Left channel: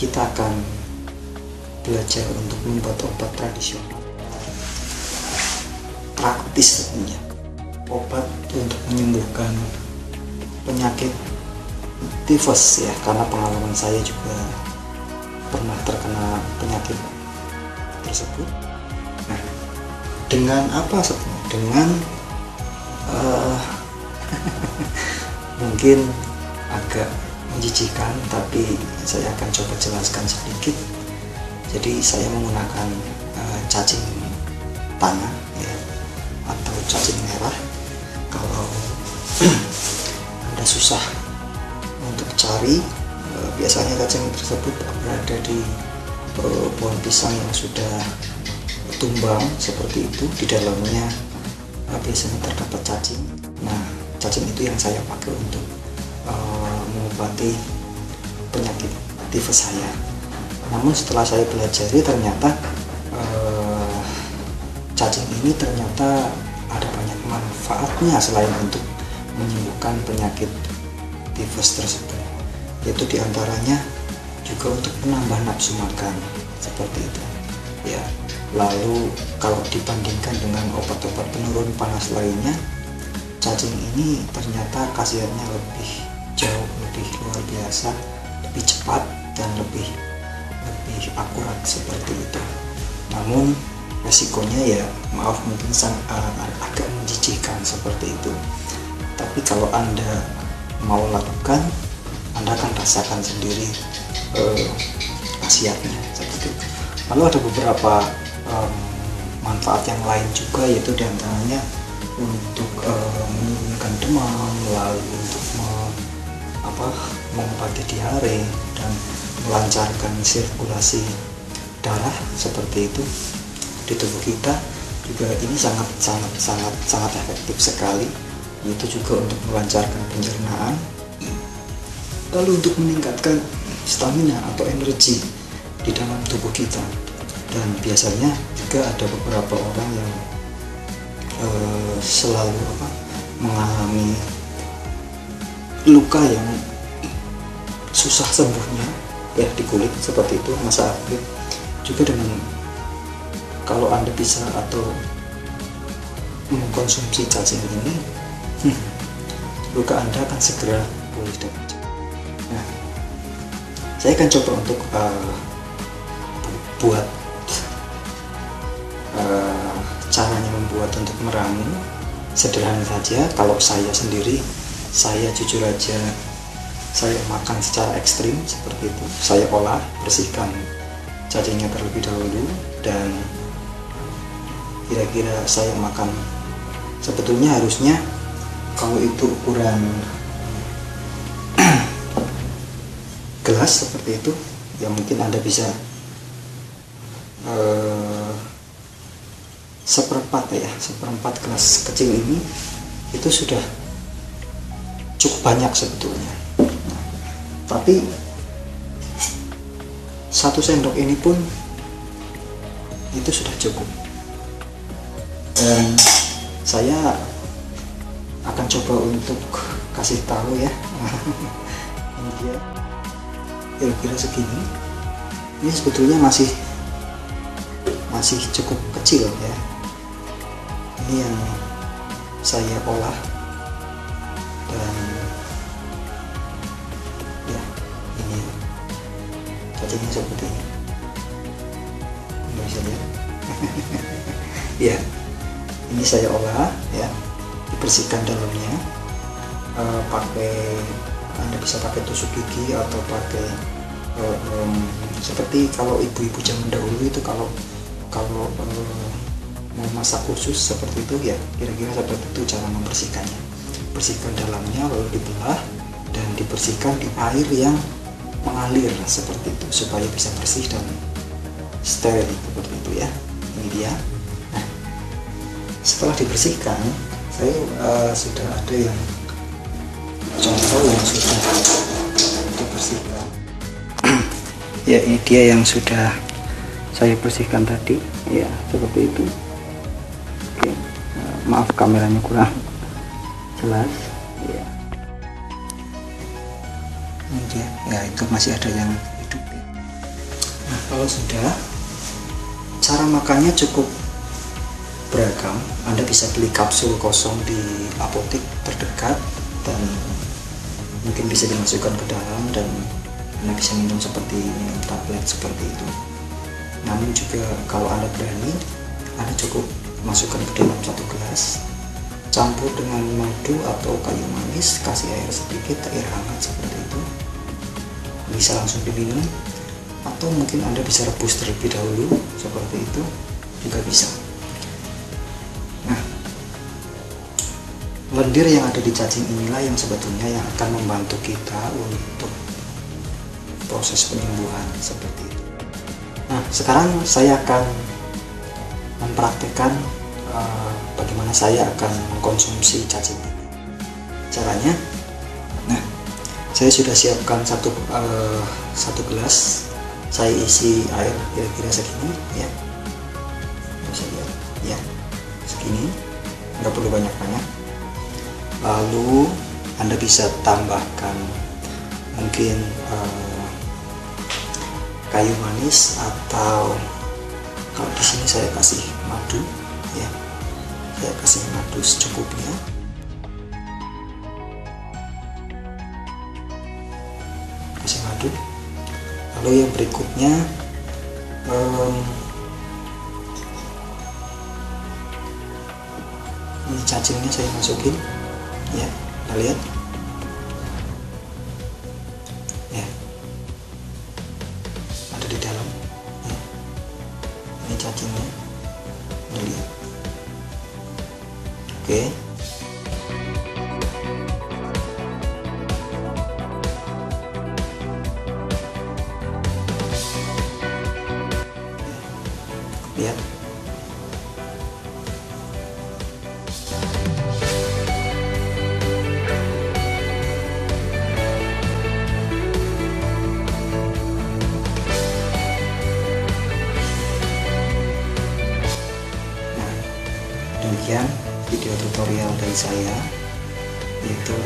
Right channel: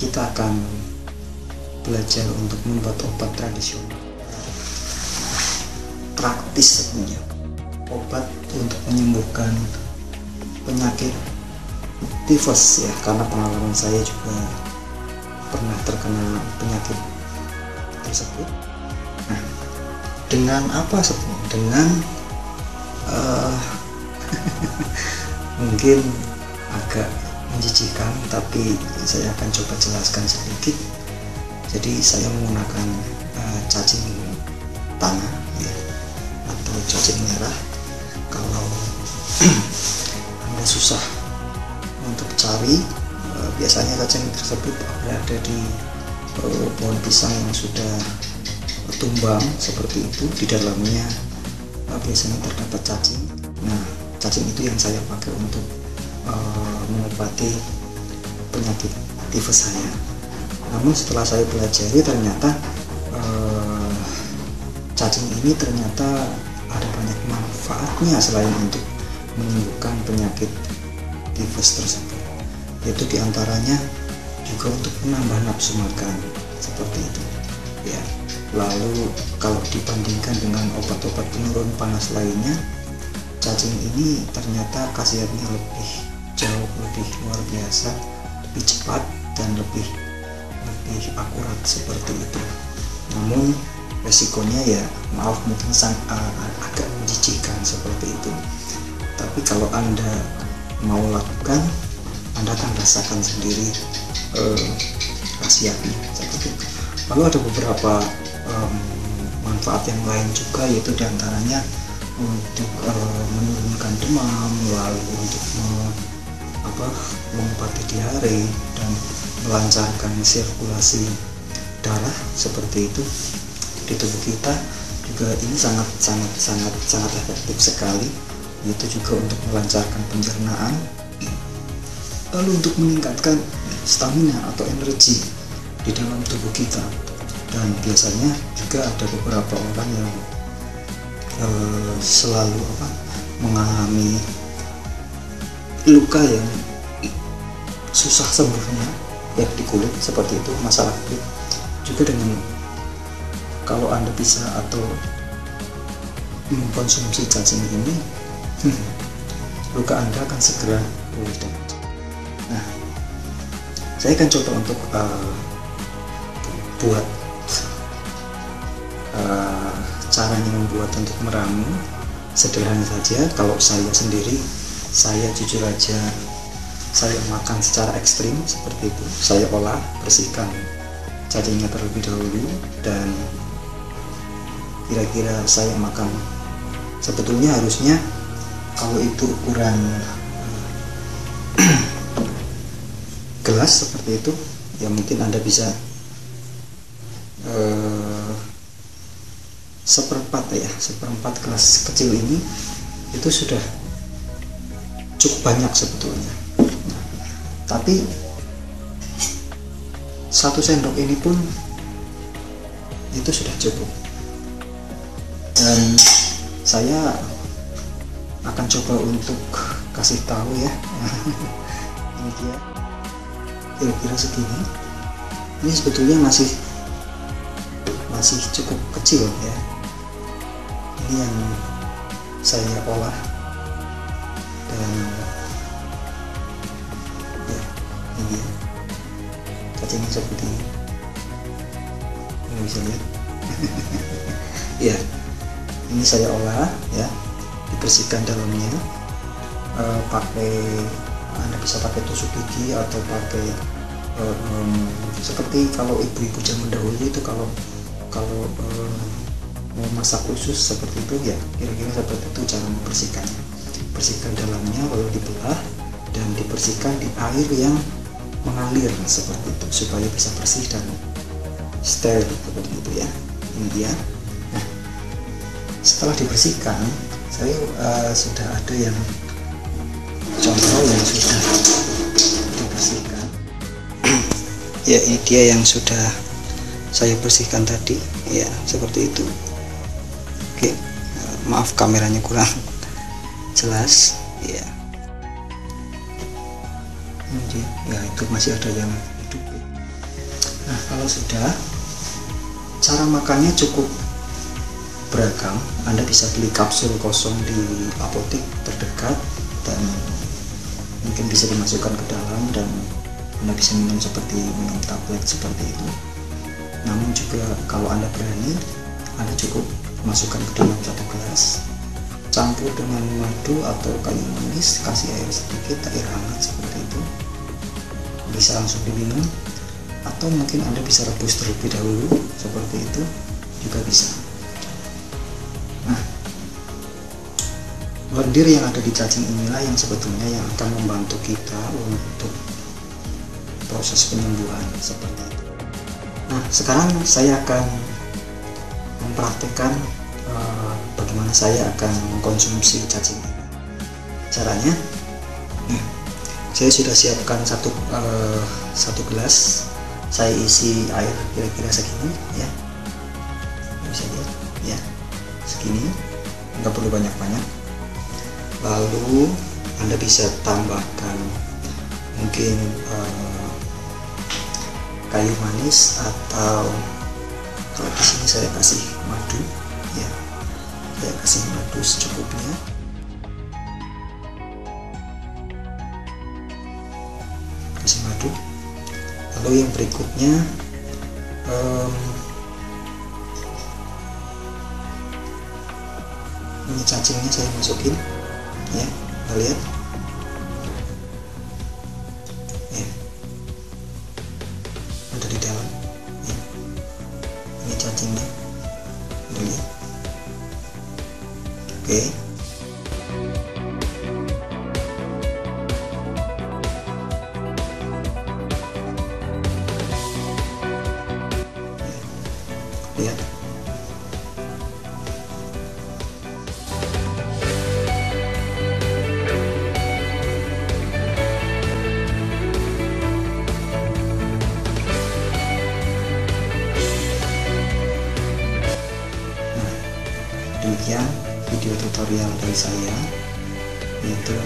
kita akan belajar untuk membuat obat tradisional praktis tentunya, obat untuk menyembuhkan penyakit tifus ya, karena pengalaman saya juga pernah terkena penyakit tersebut. Nah, dengan apa sebenarnya? Dengan mungkin agak menjijikkan, tapi saya akan coba jelaskan sedikit. Jadi saya menggunakan cacing tanah ya, atau cacing merah. Kalau Anda susah untuk cari, biasanya cacing tersebut berada di pohon pisang yang sudah tumbang seperti itu. Di dalamnya biasanya terdapat cacing. Nah, cacing itu yang saya pakai untuk mengobati penyakit tifus saya. Namun setelah saya pelajari, ternyata cacing ini ternyata ada banyak manfaatnya selain untuk menyembuhkan penyakit tifus tersebut. Itu diantaranya juga untuk menambah nafsu makan seperti itu ya. Lalu kalau dibandingkan dengan obat-obat penurun panas lainnya, cacing ini ternyata khasiatnya jauh lebih luar biasa, lebih cepat dan lebih akurat seperti itu. Namun resikonya ya maaf mungkin agak menjijikkan seperti itu. Tapi kalau Anda mau lakukan, Anda akan rasakan sendiri khasiatnya seperti itu. Lalu ada beberapa manfaat yang lain juga, yaitu diantaranya untuk menurunkan demam, lalu untuk mengobati diare dan melancarkan sirkulasi darah seperti itu di tubuh kita. Juga ini sangat efektif sekali, itu juga untuk melancarkan pencernaan, lalu untuk meningkatkan stamina atau energi di dalam tubuh kita. Dan biasanya juga ada beberapa orang yang selalu mengalami luka yang susah sembuhnya ya, di kulit seperti itu, masalah kulit. Juga dengan kalau Anda bisa atau mengkonsumsi cacing ini, luka Anda akan segera pulih. Nah, saya akan coba untuk buat caranya membuat untuk meramu. Sederhana saja. Kalau saya sendiri, saya jujur aja, saya makan secara ekstrim seperti itu. Saya olah, bersihkan cacingnya terlebih dahulu, dan kira-kira saya makan, sebetulnya harusnya kalau itu ukuran gelas seperti itu ya, mungkin Anda bisa seperempat gelas kecil ini, itu sudah cukup banyak sebetulnya. Tapi 1 sendok ini pun itu sudah cukup. Dan saya akan coba untuk kasih tahu ya, kira-kira segini. Ini sebetulnya masih cukup kecil ya. Ini yang saya olah, dan ya, ini cacingnya seperti ini. Ya, ini saya olah ya, dibersihkan dalamnya, Anda bisa pakai tusuk gigi atau pakai seperti kalau ibu-ibu zaman dahulu itu kalau mau masak khusus seperti itu ya, kira-kira seperti itu cara membersihkannya. Bersihkan dalamnya, lalu dibelah dan dibersihkan di air yang mengalir seperti itu supaya bisa bersih dan steril seperti itu ya. Ini dia. Nah, setelah dibersihkan, saya sudah ada yang contoh yang sudah dibersihkan ya. Ini dia yang sudah saya bersihkan tadi ya, seperti itu. Oke, maaf kameranya kurang jelas ya. Ini dia ya, masih ada yang hidup. Kalau sudah, cara makannya cukup beragam. Anda bisa beli kapsul kosong di apotek terdekat dan mungkin bisa dimasukkan ke dalam, dan Anda bisa minum seperti minum tablet seperti itu. Namun juga kalau Anda berani, Anda cukup masukkan ke dalam satu gelas, campur dengan madu atau kayu manis, kasih air sedikit, air hangat seperti itu. Bisa langsung diminum, atau mungkin Anda bisa rebus terlebih dahulu seperti itu juga bisa. Nah, lendir yang ada di cacing inilah yang sebetulnya yang akan membantu kita untuk proses penyembuhan seperti itu. Nah, sekarang saya akan mempraktikkan bagaimana saya akan mengkonsumsi cacing ini. Caranya, nah, saya sudah siapkan satu gelas. Saya isi air kira-kira segini ya, ya segini, nggak perlu banyak-banyak. Lalu Anda bisa tambahkan mungkin kayu manis, atau kalau di sini saya kasih madu ya, saya kasih madu secukupnya. Kasih madu. Lalu yang berikutnya ini cacingnya saya masukin ya, kita lihat ya, ada di dalam ya. Ini cacingnya, lihat. Oke. Video tutorial dari saya, yaitu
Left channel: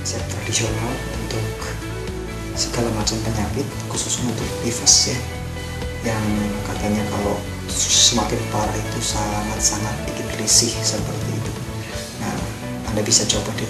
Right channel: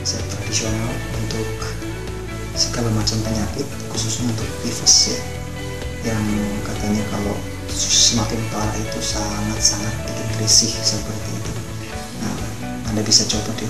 resep tradisional untuk segala macam penyakit, khususnya untuk tifus ya, yang katanya kalau semakin parah itu sangat-sangat bikin risih seperti itu. Nah, Anda bisa coba deh